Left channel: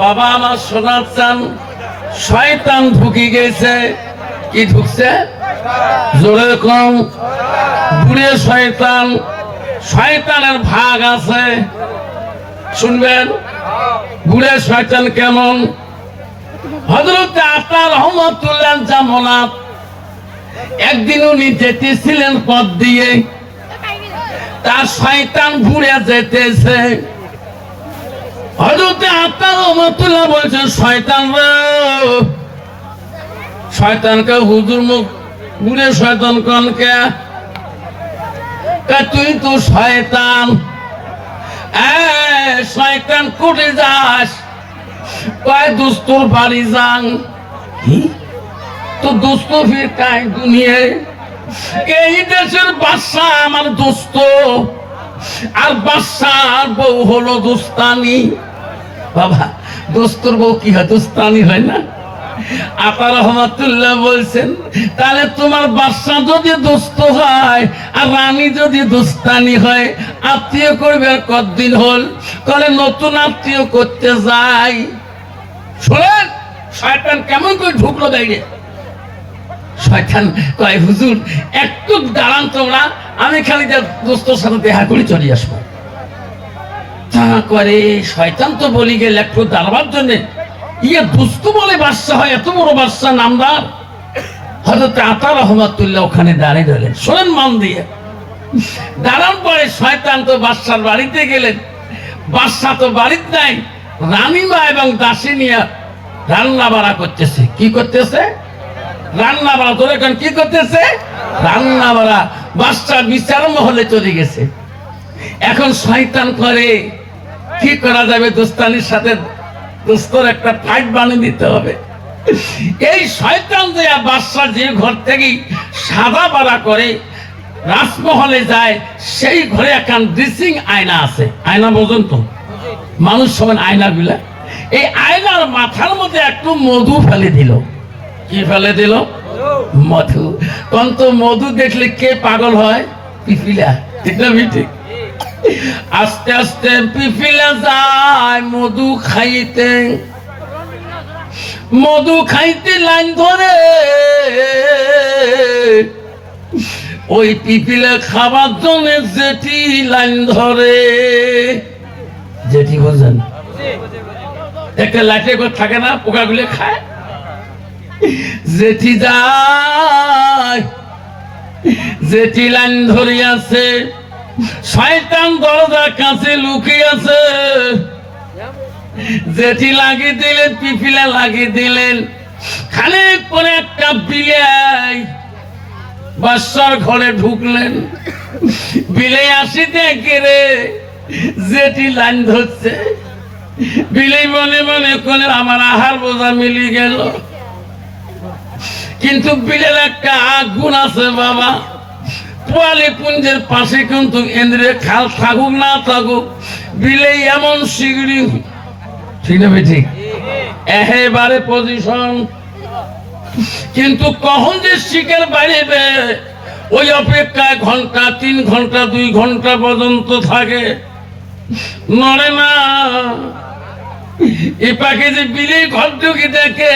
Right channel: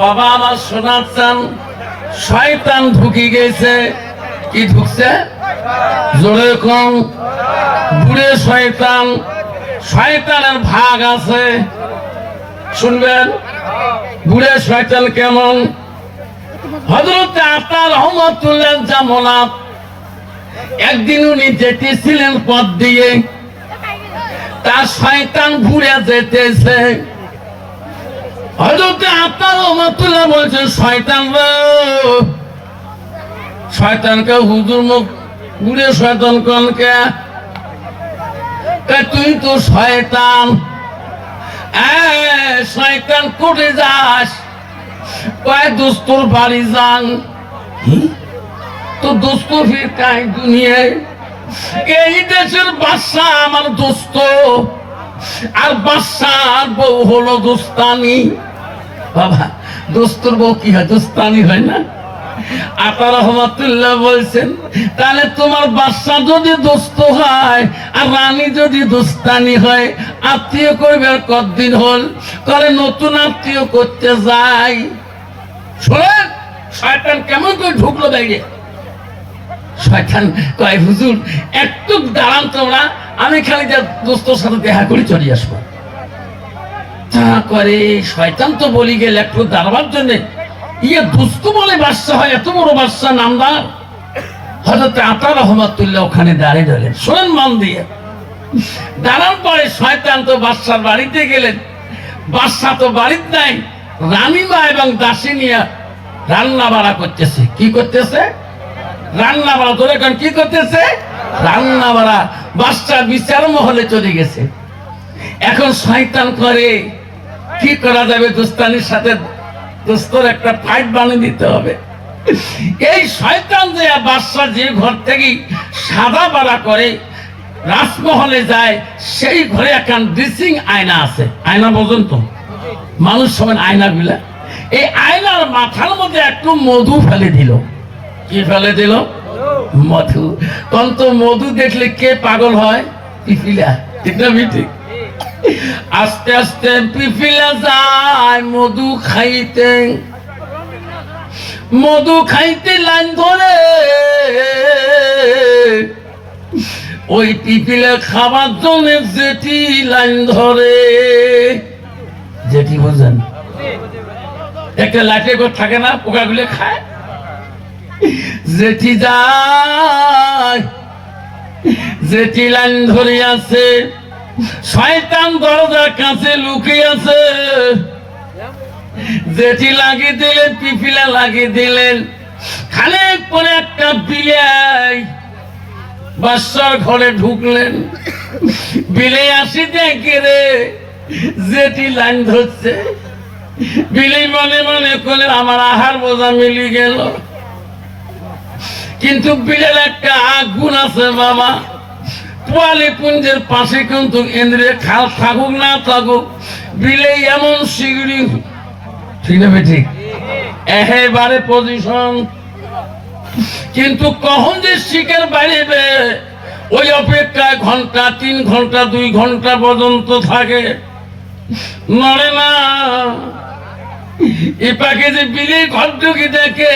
বাবা আমার শোনার চান, শয়তান ঢুকি গেছে। কি ঢুকছে? জোরে কম। বুড়ে শয়তান, শয়তানের ভাগ আছে, শুনবেন। বুড়ে শয়তান কেমন? হযরত আতা রহমাতুল্লাহ জামানাত একদিন উনি যেতেছিলেন পথ দিয়ে, তার শয়তান ঘুরে যেতেছে। হযরত আতা রহমাতুল্লাহ বলছেন, শয়তান রে, শয়তানকে হুজুর মুখ ঘুরে শয়তান কোনকে? তুই তো শয়তান। শয়তান কোটে যাস? কয় দোস্তর বাড়ি যান। তো দোস্ত ফির কাই দুনিয়ায়? এই দেশের বাদশা আমার দোস্ত, আর বাদশার বউ হলো দোস্তানি। বাবা, দোস্তর বউ কি হয়? দোস্তানি হয় না? আতা রহমাতুল্লাহ বলছেন, তাহলে তোমার বাদশা যদি দোস্ত হয় আর রানী যদি দোস্তানি হয়, আত্মীয় করবে আর কতদিন হল? করে নতুন আত্মীয় করতে যাই। শোনেন, শয়তান কেমন করে ঢুকলো দেখে। শয়তান কয়, হুজুর একটু দাঁড়ান তোমরা, আমি খালি যা দোস্তর সাথে দেখা করে চলে আসবো। তা করে শয়তান তো বলি গেল একটু দাঁড়াবার জন্য। ইয়ে দুস্তু বলে বাদশা হয়, এত বড় বাদশা নামদার। হযরত আতা রহমাতুল্লাহ ওখানে দাঁড়িয়ে রইলেন। শোনেন মন দিয়ে, দাঁড়ান পরে শয়তান তো বাদশার বাড়িতে গেলেন। বাদশা তো বাড়িতে নাই, রানীমা এবং দাসিনিয়া রান্না বাড়া করতেছে। কি করতেছে? রান্না বাড়া। তোর এখন কি করতেছে? রান্না বাড়া। বাদশা বিচার মহলে চলে গেছে। এখন শয়তান করে কি করা যাবে? দোস্তানির সাথে দোস্তর একটা ফাইট বানিয়ে দিতে হবে। এই শয়তান যে বাদশা যে ঘর থেকে সাদা পাড়া করে রাজমহলে যায়, সেই ঘরে একটা ড্রেসিং আয়না আছে। আয়না বোঝেন তো? মানুষ সমান আয়না গুলা। এই আয়নার মাথার মধ্যে একটু মধু ফেলে দিল। কি ফেলে দিল? মধু। তখন তো মধু দেখলে কে পাগল হয়? পিপিলা। এটা ঠিক। আস্তে আস্তে পিপিলা যায় মধু খাইতে। মধু খাইতে লাইন ধরে। ওই পিপিলা খাবার জন্য জেঠি লাইন ধরে। জেঠি বোঝেন? একটা লাঠি করে থাকে না, পোকাগুলো খায়। জেঠি যায়, জেঠি লাইন ধরে আছে। শয়তান দরজার কাছে লুকিয়ে আছে। জেঠি লাগিয়ে দিলেন, পিপিলা লাগিয়ে দিলেন। খানিক পরে একটা বিলাই বাদশার ঘরে ঢুকলেন। বিলাই আসি দেখে রে জেঠি লাইন ধরছে। বিলাই মনে মনে করে আমার আহার বোঝা মিলি গেল। কিন্তু বিলের একটা আগুন আছে বাবা। পোয়ালি কুঞ্জের পাশে কিন্তু ইন্দ্রে খাল থাকুক না থাকুক, বিলে এমন শিগড়ি। ঠিক না? ঠিক। একেবারে পজিশন। কিন্তু কখন যে শিকার বাড়িবে ওই অপেক্ষায় ঘন্টা 3 ঘন্টা 2 ঘন্টা পর্যন্ত থাকে, নড়ে না। এ পাখি যে বিলে ঘর ঢুকি দেখে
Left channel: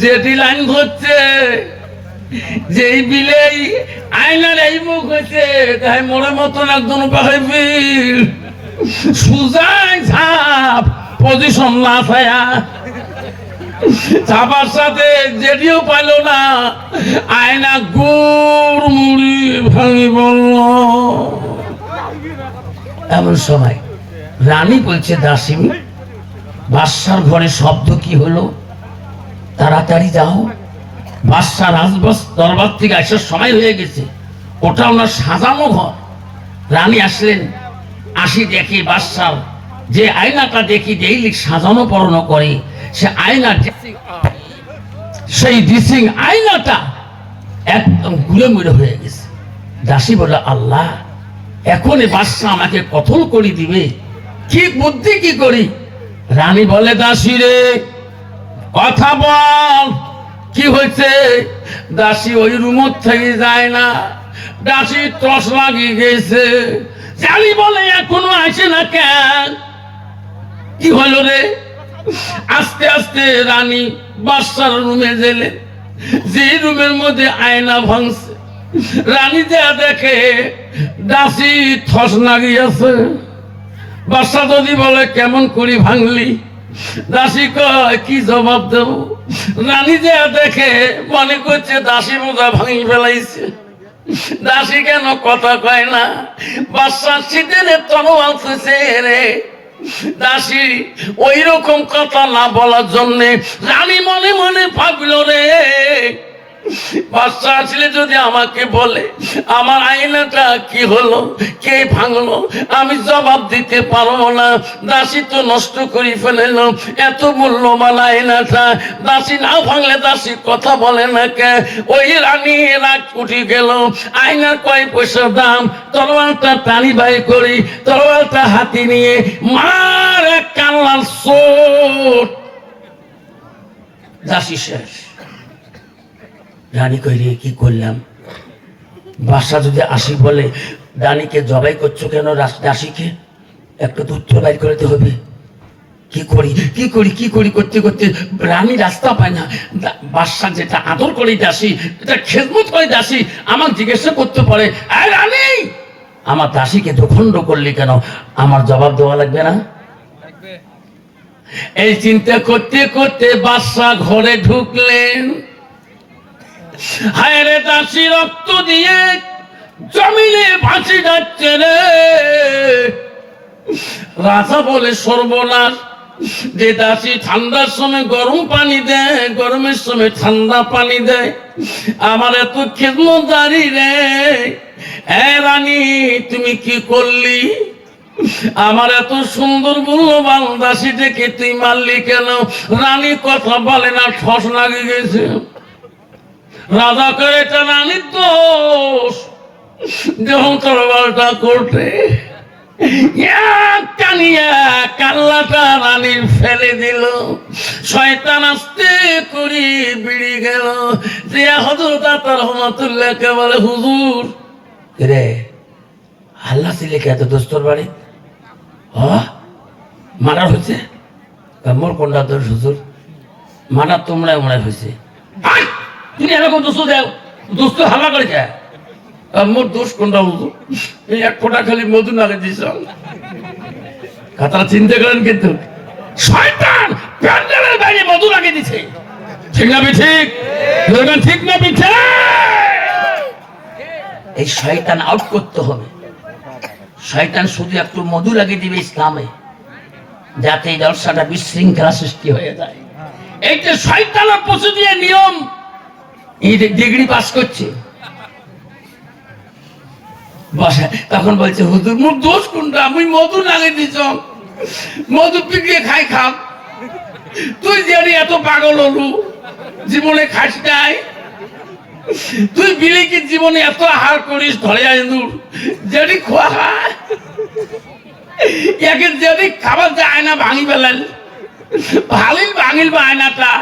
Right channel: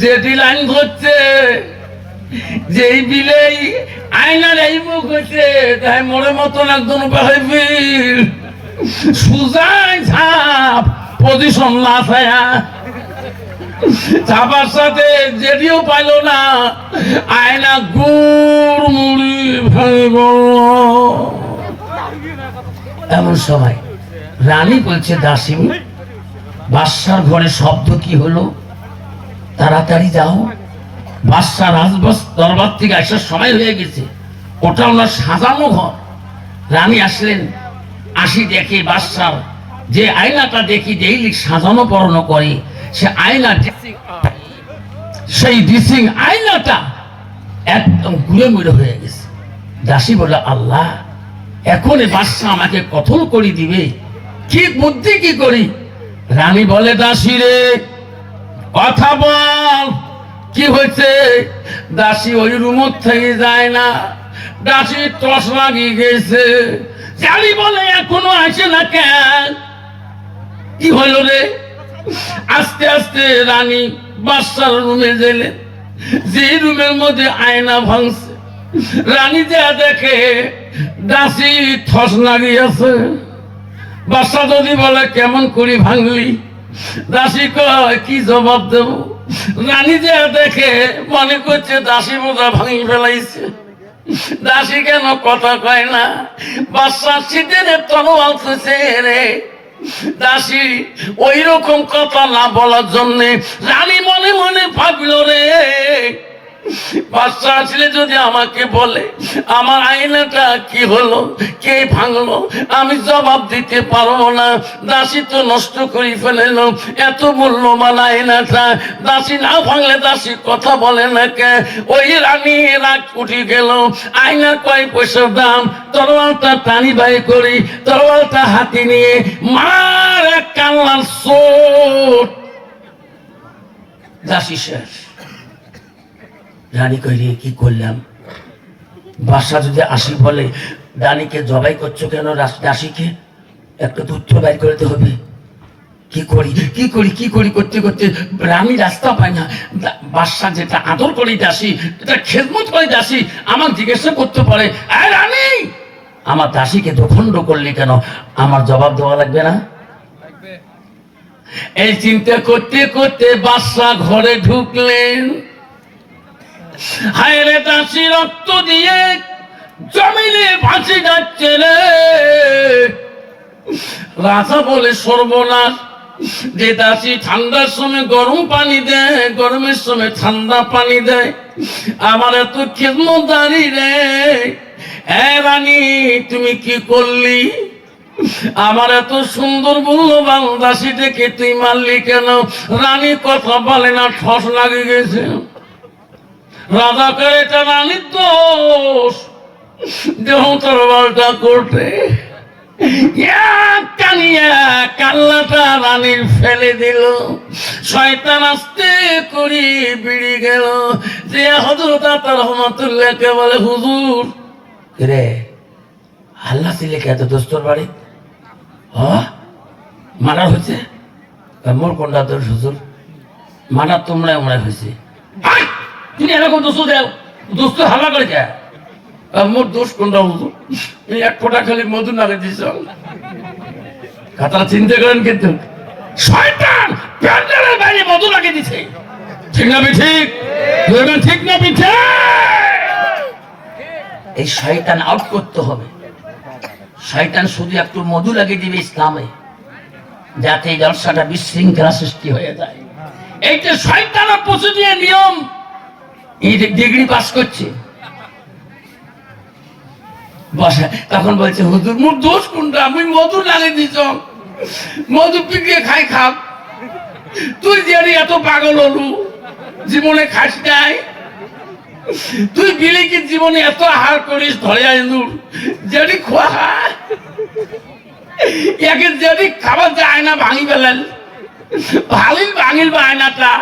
যেটি লাইন ধরছে, যেই বিলেই আয়নার এই মুখ হয়েছে, তাই মোড়ের মতন একজন বিল সুজায় ঝাপ পজিশন না ছায়া। ছাপার সাথে যেটিও পাইল না, আয়না গুড় মুড়ি ভেঙে বলল। এমন সময় রানী বলছে, দাসিনী বাদশার ঘরে শব্দ কি হলো? তাড়াতাড়ি যাও, বাদশা রাজবস দরবার থেকে আসার সময় হয়ে গেছে। ওটা ওনার সাজানো ঘর। রানী আসলেন, আসি দেখে বাদশার যে আয়নাটা দেখি ডেইলি সাজানো পড়ানো করে, সে আয়না, সেই ড্রেসিং আয়নাটা একদম গুঁড়ো হয়ে গেছে। দাসী বলে, আল্লাহ, এখন বাদশা আমাকে কতল করে দিবে, কি বুদ্ধি কি করি? রানী বলে, দাসী রে কথা বল, কি হয়েছে? দাসী ওই রুম থেকে যায় না। দাসী টস লাগিয়ে গেছে। জানি বলে, এখনো আসে না কেন? কি হলো রে? আস্তে আস্তে রানী বাদশার রুমে গেলেন, যে রুমের মধ্যে আয়না ভাঙছে, রানী যা দেখে দাসী থস লাগিয়েছে। বাদশা যদি বলে কেমন করে ভাঙলি, দাসী কয় কি জবাব দেব? রানী যা দেখে মনে করছে দাসী বোঝা ভাঙি ফেলাইছে। দাসী কেন কথা কয় না? বাদশার শীতের তরোয়াল খুঁজে রে। দাসী ওই রকম কথা না বলার জন্য রানী মনে মনে ভাবলো রে, বাদশা আসলে যদি আমাকে বলে আমার আয়নাটা কি হলো, কে ভাঙলো, আমি জবাব দিতে পারবো না। দাসী তো নষ্ট করে ফেললো এত মূল্যবান আয়নাটা। দাসী না ভাঙলে দাসী কথা বলে না কে? ওই রানী রাগ উঠে গেল। আয়নার কয় পয়সার দাম, তরোয়ালটা টানি বাই করি, তরোয়ালটা হাতে নিয়ে মার এক কান্নার চোট। দাসী শেষ। রানী কইরে কি করলাম? বাদশা যদি আসি বলে রানীকে জবাই করছো কেন, দাসীকে একটা তথ্য বাইর করতে হবে। কি করি কি করি কি করি করতে করতে রানী রাস্তা পায় না। বাদশা যেটা আদর করে দাসী, এটা খেদমত করে দাসী, আমার জিজ্ঞাসা করতে পারে আয় রানী আমার দাসীকে দুখণ্ড করলি কেন? আমার জবাব দেওয়া লাগবে না? এই চিন্তা করতে করতে বাদশা ঘরে ঢুকলেন। হায় রে দাসী রক্ত দিয়ে জমিনে ভাসি যাচ্ছে রে। রাজা বলে সর্বনাশ, যে দাসী ঠান্ডার সময় গরম পানি দেয়, গরমের সময় ঠান্ডা পানি দেয়, আমার এত খেদমতদারি রে। হ্যাঁ রানী তুমি কি করলি? আমার এত সুন্দর মূল্যবান দাসীটাকে তুই মারলি কেন? রানী কথা বলে না, ঠস লাগে গেছে। রাজা করে এটা রানীর দোষ, দেহ তরবালটা করতে কান্নাটা রানীর ফেলে দিল। শয়তান আস্তে করে বিড়ি গেল। যে হযরত আতা রহমাতুল্লাহকে বলে হুজুর রে আল্লাহ ছিলে কে এত দোস্তর বাড়ি মারা হয়েছে? মোর কোনটা তোর হুজুর? মারা তোমরা মনে হয়েছে। তুমি এরকম দোষ দেও, দোস্ত হালা করে যায়। মোর দোষ কোনটা হুজুর? এই এক ফোঁটা খালি মধু নাগে দিস। কথাটা চিন্তা করেন কিন্তু শয়তান প্যান্ডেলের বাইরে মধু লাগিয়ে দিছে। ঠিক না ঠিক? ঠিক না পিঠে? এই শয়তান আউট করতে হবে। শয়তান শুধু একটু মধু লাগিয়ে দিবে ইসলামে, যাতে এই জলসাটা বিশৃঙ্খলা সৃষ্টি হয়ে যায়। এই যে শয়তানের প্রসিডিউর নিয়ম, এই ডিগ্রি পাস করছে বসে, তখন বলছে হুজুর মোর দোষ কোনটা? আমি মধু লাগিয়ে দিছ, মধু পিটিয়ে খাই খাব। তুই জানি এত পাগল হলু, জীবনে খাস নাই। তুই বিলে কি জীবনে এত আহার করিস, ধরে আইনুর জানি খোয়া একে জানি খাবার যায় না, ভাঙি ফেলেন ভালিল ভাঙিল বা আয়নাটা।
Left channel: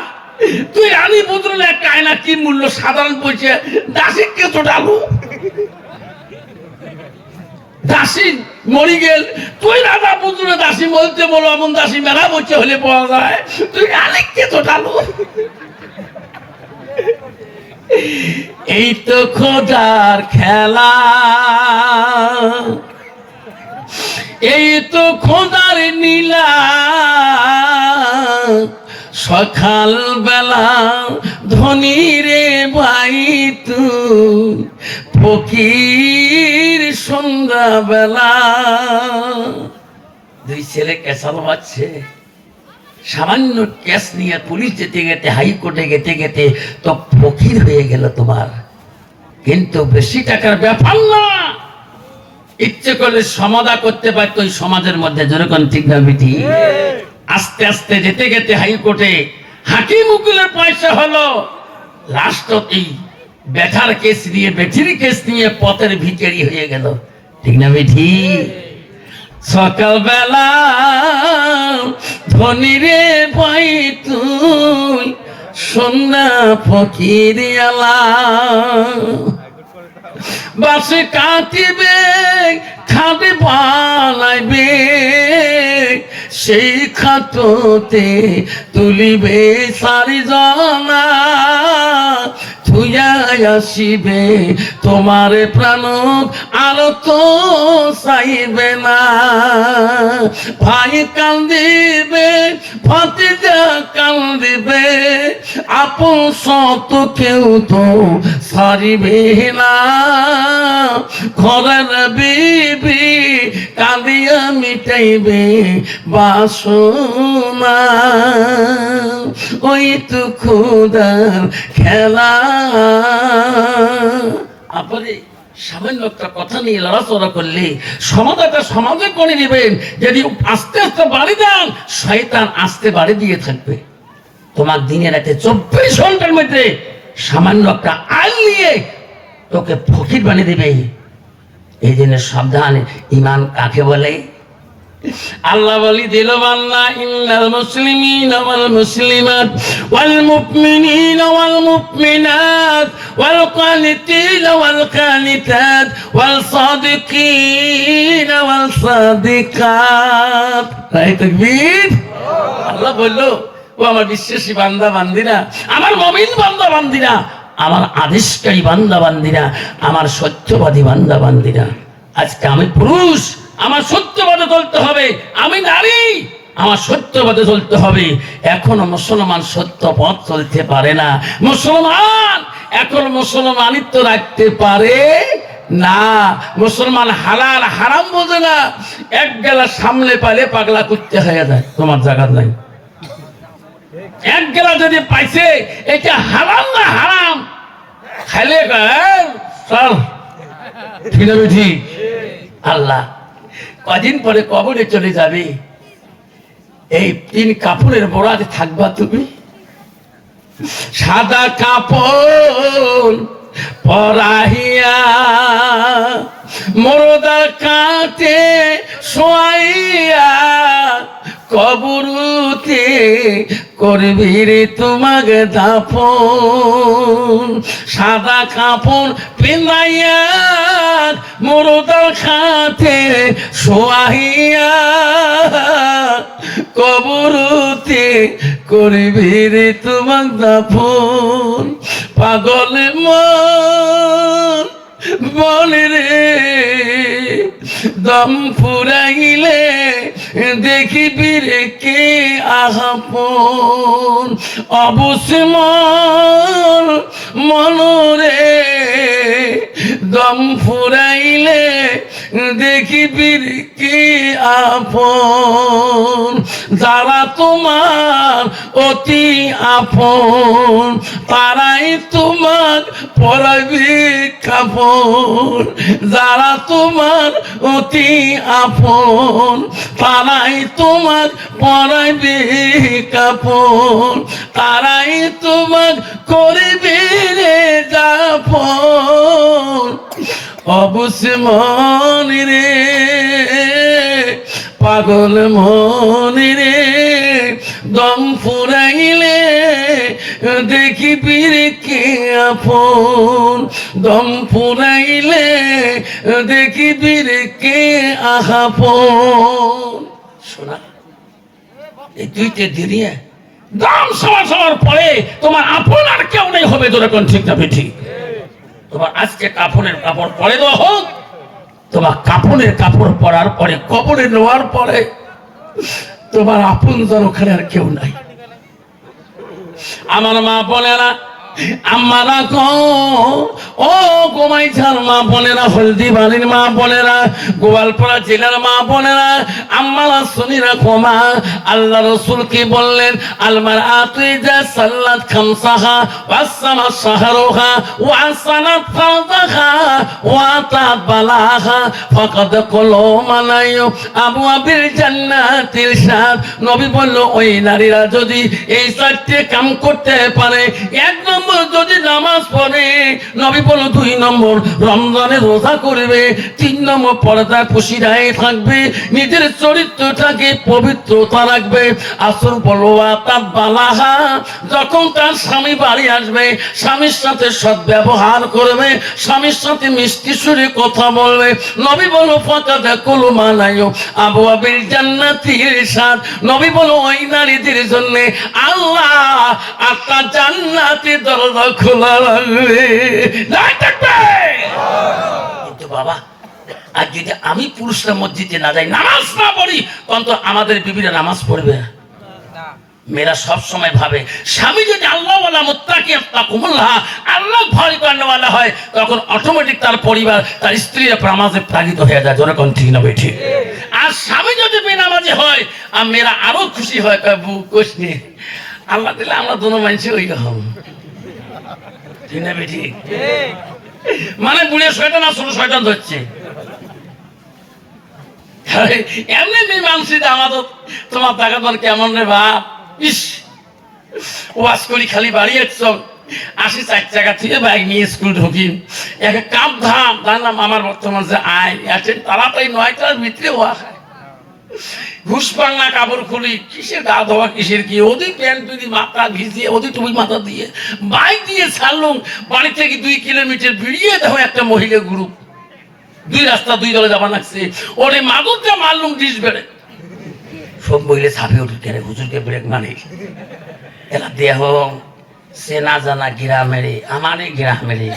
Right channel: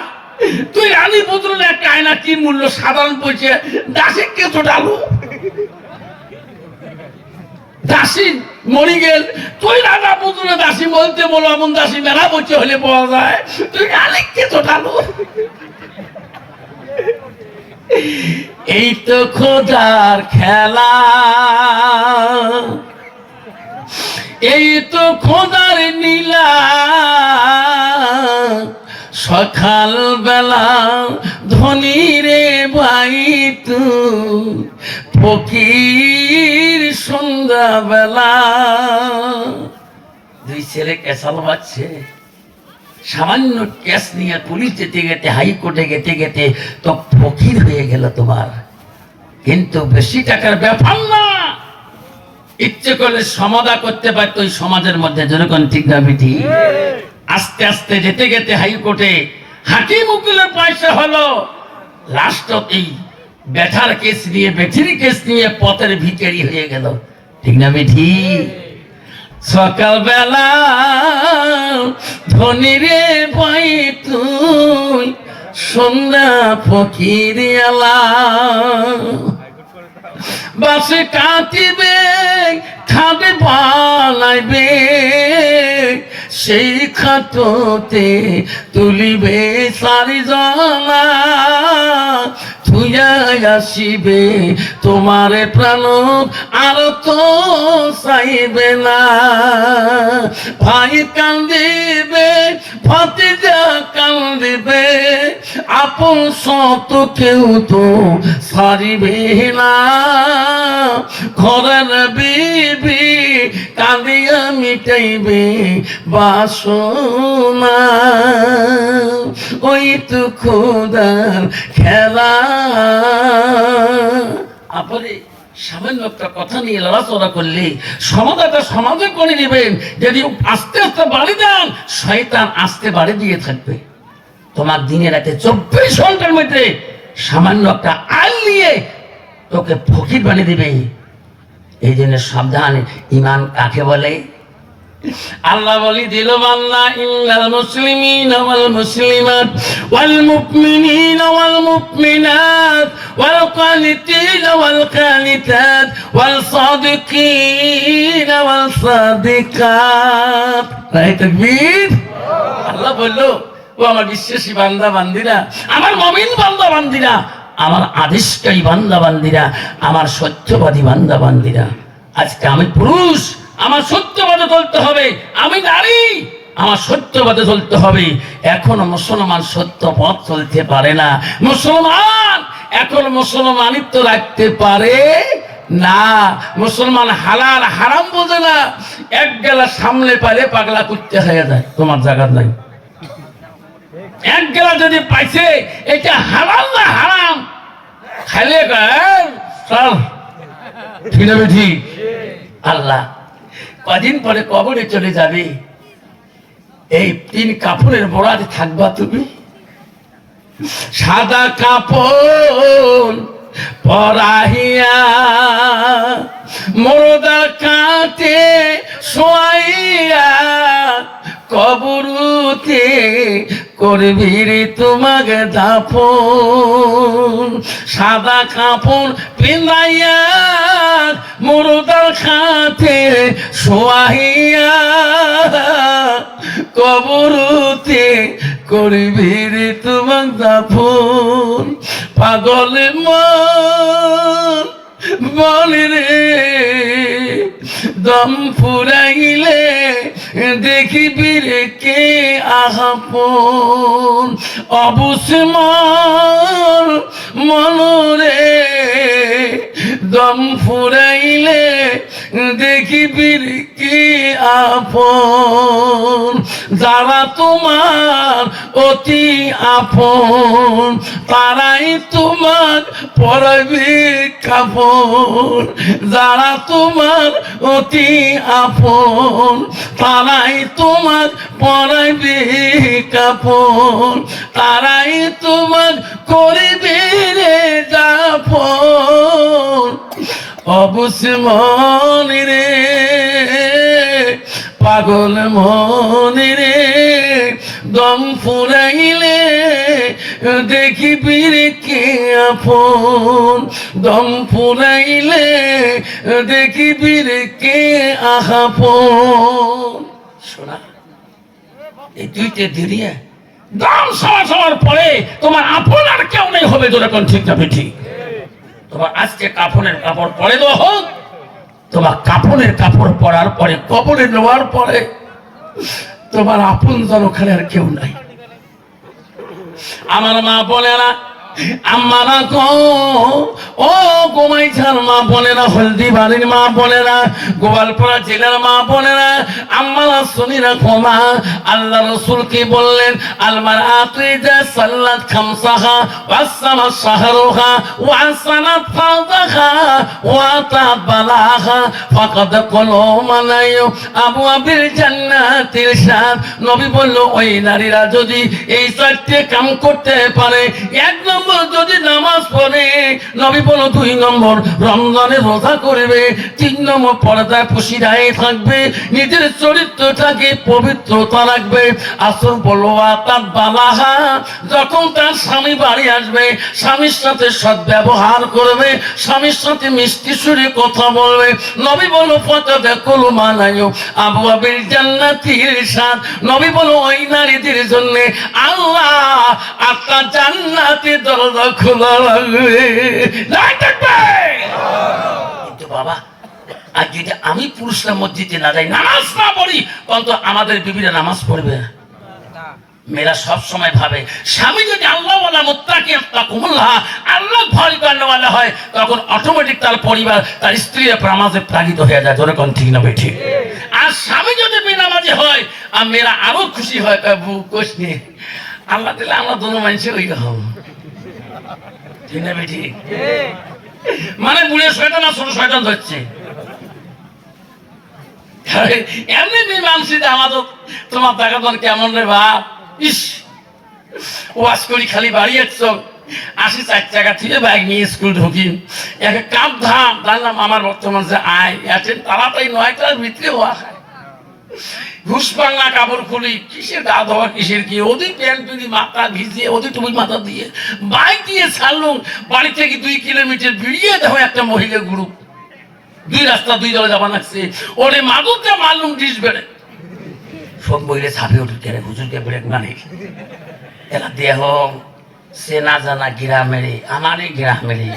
তুই আনি বুঝল একটা আয়না কি মূল্য সাধারণ পয়সা, দাসী কে তো ডালু দাসী মরি গেল। তুই রাজা পুত্র দাসী বলতে বলো, এমন দাসী মেলা বলছে হলে পাওয়া যায়। তুই আলেককে তো ডালো। এই তো খোদার খেলা, এই তো খোদার নীলা। সকাল বেলা ধনী রে ভাই তুই, ফকির সন্ধ্যা বেলা। দুই ছেলে কেসাল বাজছে, সামান্য কেস নিয়ে পুলিশ যেতে যেতে, হাইকোর্টে যেতে যেতে তো ফকির হয়ে গেল তোমার। কিন্তু বেশি টাকার ব্যাপার না, ইচ্ছে করলে সমাধা করতে পারতো ওই সমাজের মধ্যে। যেরকম ঠিক না বিধি? আস্তে আস্তে যেতে যেতে হাইকোর্টে হাকিম উকিলের পয়সা হলো। লাস্ট এই বেটার কেস নিয়ে, বেঠির কেস নিয়ে পথের ভিখারি হয়ে গেল। ঠিক না বিধি? সকালবেলা ধনী রে ভাই তুই, সন্ধ্যা ফকির আলা। বাসে কাটিবে, খাবে বানাইবে, সেই খাটতে তুলিবে চারিজনা, থুইয়া আসিবে তোমারে প্রাণ আর তো চাইবে না। ভাই কান্দিবে, ভাতিজা কান্দিবে, আপন সত কেউ তো ছাড়িবে না। ঘরের বিবি কাঁদিয়া মিটাইবে বাসনা, ওই তো খোদার খেলা। আপনি সামান্য একটা কথা নিয়ে লড়াচড়া করলে সমাধানটা সমাজে করে নেবেন। যদি আস্তে আস্তে বাড়ি দেন, শয়তান আস্তে বাড়ি দিয়ে থাকবে। তোমার দিনে রাতে 24 ঘন্টার মধ্যে সামান্য একটা আইন নিয়ে তোকে ফকির বানিয়ে দিবে। এই জন্য সাবধান। ইমান কাকে বলে? আল্লাহ বলি দিল বান্দা, ইন্নাল মুসলিমিনা ওয়াল মুসলিমাত ওয়াল মুমিনিনা ওয়াল মুমিনাত ওয়াল কানিতিনা ওয়াল কানিতাত ওয়াল সাদিকিনা ওয়াল সাদিকাত। তাকবীর। আল্লাহ বললো, ও আমার বিশ্বাসী বান্দা বান্দিরা, আমার মুমিন বান্দা বান্দিরা, আমার আদেশকারী বান্দা বান্দিরা, আমার সত্যবাদী বান্দা বান্দিরা। আজকে আমি পুরুষ, আমার সত্যবাদে চলতে হবে। আমি নারী, আমার সত্যবাদে চলতে হবে। এখনো মুসলমান সত্য পথ চলতে পারে না। মুসলমান এখন মুসলমানিত্ব রাখতে পারে না। মুসলমান হালাল হারাম বোঝে না। এক গেলা সামনে পাইলে পাগলা কুত্তে হয়ে যায়। তোমার জায়গা নাই। এক গেলা যদি পাইছে এটা হারাম না হারাম, খাইলে ঠিক। আল্লাহ কদিন পরে কবরে চলে যাবে। এই 3 কাপড়ের বরাতে থাকবা তুমি। সাদা কাপড় পরাহিয়া মোরদা কাটে শোয়াইয়া, কবরতে করবি রে তোমাকে দাফন। সাদা কাপড় পিনাইয়া মুরদার খাতে শোয়াইয়া, কবরতে করবি রে তোমাকে দাফন। পাগল মন বলে রে, দম ফুরাইলে দেখিবি রে কে আপন। অবশ্য মনরে দম ফুরাইলে দেখিবি রে কে আপন। যারা তোমার অতি আপন, তারাই তোমার পরাবে কাপড়। যারা তোমার অতি আপন, তারাই তোমার পরাবে কাপড়। তারাই তোমার করবে রে দাফন। অবশ্য মনে রে, পাগল মনে রে, দম ফুরাইলে দেখিবি রে কে আপন। দম ফুরাইলে দেখিবি রে কে আপন। শোনা, এই 2টা দিনে দাম সমাজ হওয়ার পরে তোমার আপন আর কেউ নেই হবে। যেরকম ঠিক না বেঠি, তোমার আজকে কাপড়ের কাপড় পরে দেওয়া হোক। তোমার কাপড়ের কাপড় পরার পরে, কবরে নেওয়ার পরে তোমার আপন জন ওখানে আর কেউ নাই। আমার মা বোনেরা, আমারা গো, ও গোমাইছার মা বোনেরা, হলদি বাড়ির মা বোনেরা, গোপালপাড়া জেলার মা বোনেরা, আমারা শুনি রাখো মা। আল্লাহ রাসূল কি বললেন? আলমার আতুইজা সাল্লাত খামসাহা ওয়াসামা শাহরুহা ওয়াসানাত ফাদাহা ওয়াতাবালাহা ফাকাদ কলমানায়ু আবওয়াবিল জান্নাতিল শাদ। নবী বলল, ওই নারীরা যদি এই 4টে কাম করতে পারে, 1 নম্বর যদি নামাজ পড়ে, নবী বলো 2 নম্বর রমজানে রোজা করবে, 3 নম্বর পর্দায় পশিদায় থাকবে, নিজের চরিত্রটাকে পবিত্রতা রাখবে। আসল বলো তার বালাহা, যখন তার স্বামী বাড়ি আসবে স্বামীর সাথে সদ্ব্যবহার করবে, স্বামীর সাথে মিষ্টি সুরে কথা বলবে। নবী বলো ফাঁকা দেখো মানায়ো আবু আবির জান্নাতির সাথ। নবী বলো ওই নারীদের জন্য আল্লাহ আপনার জান্নাতের দরজা খোলা রাখবে। কিন্তু বাবা আর যদি আমি পুরুষরা মসজিদে না যাই, নামাজ না পড়ি, অন্তত আমাদের বিবিরা নামাজ পড়বে না। মেয়েরা সব সময় ভাবে স্বামী যদি আল্লাহ ওয়ালা মুত্তাকি আত্তাকুল্লাহ, আল্লাহ ভয় করেওয়ালা হয়, তখন অটোমেটিক তার পরিবার তার স্ত্রীরা নামাজে প্রাণিত হয়ে যায়। জোরে কোন ঠিক না বেঠি? আর স্বামী যদি বেনামাজি হয় আর মেয়েরা আরো খুশি হয়, কোষ নিয়ে আল্লাহ দিলে আমরা দোনো মানুষে ওই রকম, ঠিক না বেঠি? মানে বুড়ে শয়তান আর ছোট শয়তান ধরছে। এমনি মানসিক আমাদের তোমার তাকাতন কেমন রে ভাব, ইস ওয়াজ করি খালি বাড়ি চল, আসি 4 টাকা থেকে বাইক নিয়ে স্কুল ঢুকি, এক কাপ ধাম জানলাম আমার বর্তমান যে আয় আছেন তাড়াতাড়ি 9টার ভিতরে ওয়া খায়, ঘুষ পাল্লা কাপড় খুলি, কিসের গা ধোয়া কিসের কি, ওদি প্যান্ট যদি মাথা ভিজিয়ে ওদি টুপি মাথা দিয়ে বাইক দিয়ে ছাড়লুম, বাড়ি থেকে 2 কিলোমিটার বেরিয়ে দেখো একটা মহিলা গ্রুপ, 2 রাস্তা 2 দলে যাবা লাগছে, ওরে মাদুরটা মারলুম ডিস বেড়ে, সব মহিলা ছাপে উঠতে হুজুরকে ব্রেক মানে এলা দেহ সে না জানা গ্রামেরে, আমারই গ্রামেরে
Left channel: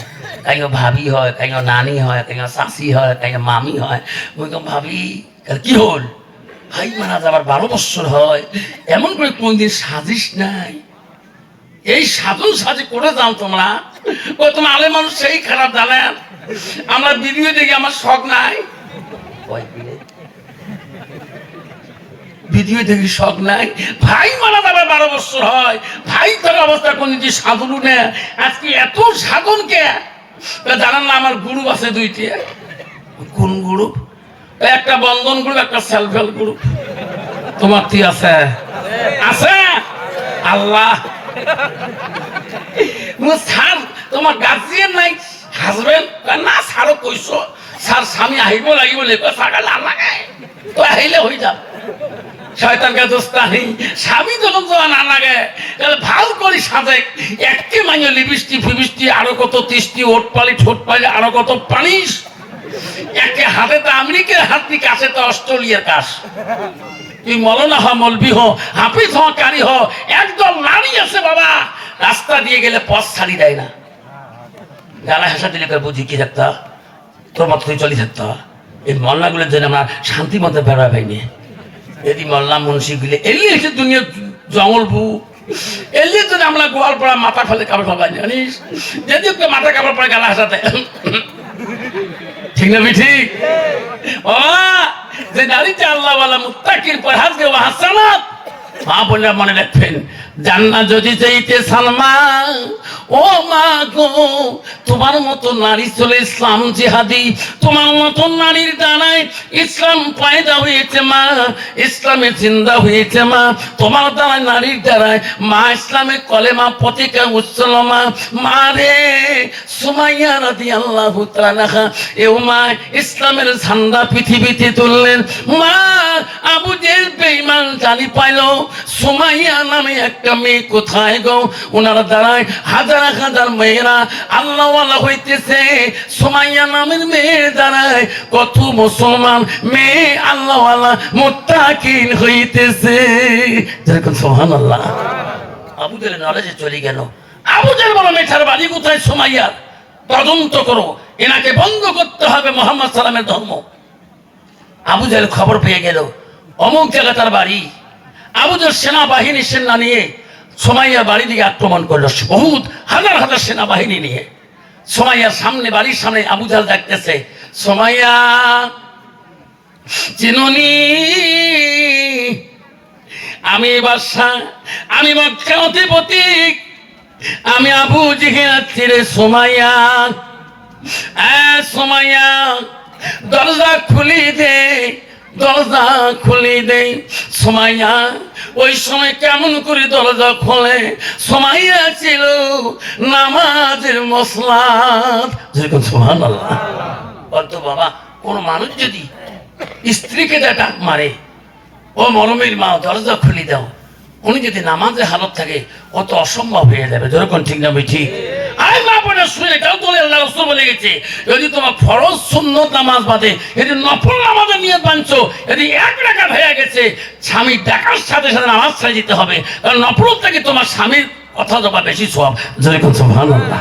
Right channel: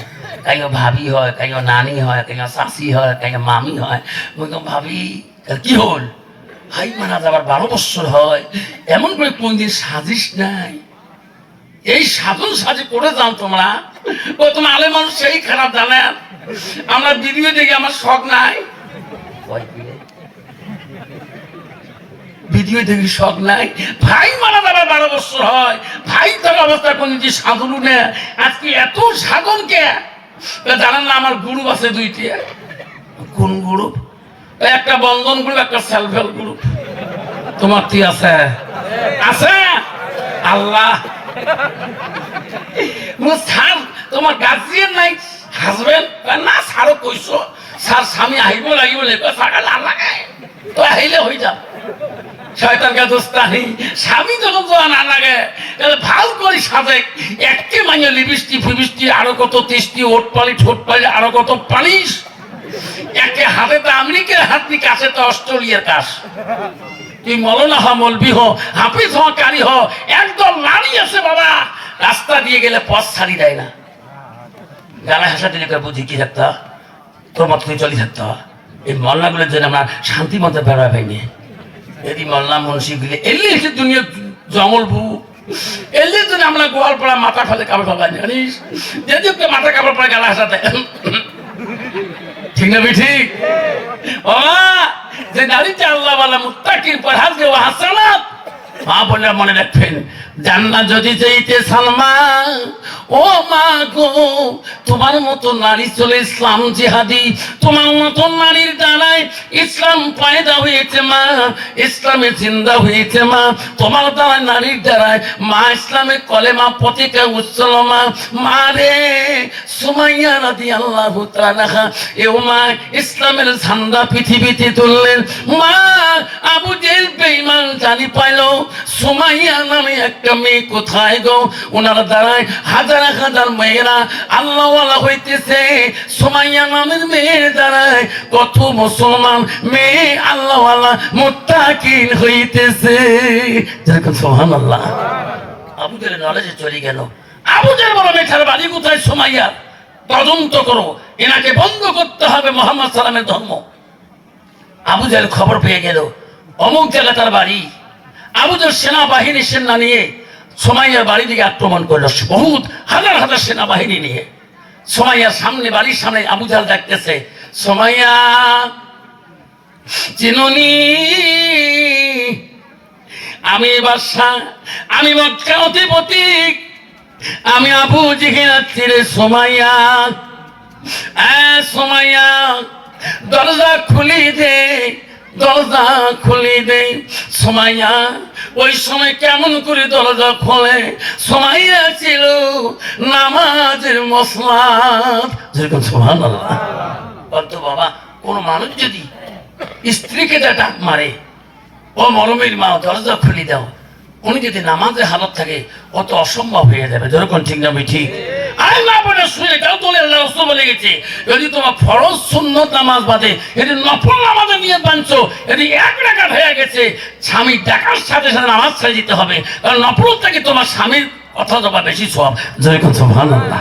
কাইও ভাবি হয়, কাইও নানি হয়, কাইও শাশি হয়, কাইও মামি হয়। ওই ভাবি কি হল, হাই মারা যাবার 12 বছর হয়, এমন করে কোনদিন সাজিস নাই, এই সাধন সাজি করে যাও তোমরা। তোমার আলে মানুষ সেই খারাপ জানেন, আমার ভিডিও দেখে আমার শখ নাই, ভিডিও দেখি শখ নাই, ভাই মারা যাবার 12 বছর হয়, ভাই তার অবস্থা কোন যে সাধন না, আজকে এত সাধন কে জানেন না? আমার গ্রুপ আছে 2টি। কোন গ্রুপ? একটা বন্ধন গ্রুপ, একটা সেলফ হেল্প গ্রুপ। তোমার কি আছে? আছে আল্লাহ স্যার তোমার গার্জিয়ান নাই, হাজবেন্ড না স্যারও কইছো, স্যার স্বামী আহিব লাগিব সাকা না লাগে তো আহিলে হয়ে যাব, শয়তানকে দোস্তানি স্বামী যখন না লাগে ভাল করে সাজে, একে মাইনে লিপস্টি ফিবিস্টি আরো কত তেষ্টি, ওট পালি ঠোঁট পালি আরো কত পালিশ, একে হাতে তো আমেরিকার হাত দিকে আছে তো অস্ট্রেলিয়ার কাজ। তুই মৌলানা হ, মৌলবি হ, হাফিজ হ, কারি হ, একদল নারী আছে বাবা রাস্তা দিয়ে গেলে পথ ছাড়ি দেয় না, গালা হাসা দিলে বুঝি কি থাকতা তোর মতো তুই চলি থাকতা। এই মল্লাগুলোর জন্য আমরা শান্তি মতো বেড়া পাইনি। যদি মল্লা মুন্সি গুলি এলি এসে দুনিয়া জঙ্গল বু এলি জন্য আমরা গোয়াল পড়া মাথা ফেলে কাপড় ফেলা জানিস, যদি ওকে মাথা কাপড় পড়া গালা হাসাতে, ঠিক না? ঠিক যে নারীতে আল্লাহ ওয়ালা মুত্তাকির পরহেজগার ওয়া হাসানাত, মা বোনেরা মনে রাখবেন, জান্নাত যদি চাইতে সালমান ও মা গো, তোমার মতো নারী চলে ইসলাম জিহাদি, তোমার মতো নারীর দ্বারাই ইসলাম পয়দা হয়েছে মা, ইসলামে জিন্দা হয়েছে মা, তোমার দ্বারা নারীর দ্বারাই মা ইসলামে কলেমা পতিকা উচ্চল মা। মা রে সুমাইয়া রাদিয়াল্লাহু তাআলা এও মা ইসলামের ঝান্ডা পৃথিবীতে তুললেন। মা আবু জেহেল বেঈমান জানি পাইল সুমাইয়া নামে একটা মেয়ে কোথায় গো, ওনার দ্বারাই হাজার হাজার মেয়েরা আল্লাহ ওয়ালা হইতেছে, সুমাইয়া নামের মেয়ের দ্বারাই কত মুসলমান মেয়ে আল্লাহ ওয়ালা মুত্তাকিন হইতেছে। যেরকম সুবহানাল্লাহ। আবু জেহেল নলেজে চলে গেল, আবু জেহেল বলে মেয়েটার বাড়ি কোথায় সুমাইয়া, তদন্ত করো, এনাকে বন্ধ করতে হবে মুহাম্মদ সাল্লামের ধর্ম। আবু জেহেল খবর পেয়ে গেল অমুক জায়গা তার বাড়ি। আবু জেহেল সেনাবাহিনী সেনা নিয়ে সুমাইয়ার বাড়ি দিকে আক্রমণ করলো, বহুত হাজার হাজার সেনাবাহিনী নিয়ে। সুমাইয়ার সামনে, বাড়ির সামনে আবু জেহেল দেখতেছে, সুমাইয়া চিনুনি, আমি বাদশা, আমি মক্কা অধিপতি, আমি আবু জেহেল আছি রে সুমাইয়া, সুমাইয়া দরজা খুলি দে, দরজা খুলে দেয় সুমাইয়া। ওই সময় কেমন করে দরজা খোলে? সুমাইয়া ছিল নামাজের মসলাত। যেরকম সুবহানাল্লাহ। বলতো বাবা, কোন মানুষ যদি স্ত্রীকে ডাক মারে, ও মরমের মা দরজা খুলে দাও, উনি যদি নামাজের হালত থাকে কত অসম্ভব হয়ে যাবে। যেরকম ঠিক না ঠিক? আরে মা বোনা শুনে এটাও তো আল্লাহ রাসূল বলে গেছে, যদি তোমার ফরজ সুন্নত নামাজ বাদে এটি নফল নামাজে নিয়ে বাঁধছো, এটি এক রাকাত হয়ে গেছে, স্বামী ডাকার সাথে সাথে নামাজ ছেড়ে দিতে হবে, কারণ নফল থেকে তোমার স্বামীর কথা দেওয়া বেশি সওয়াব। যেরকম সুবহানাল্লাহ।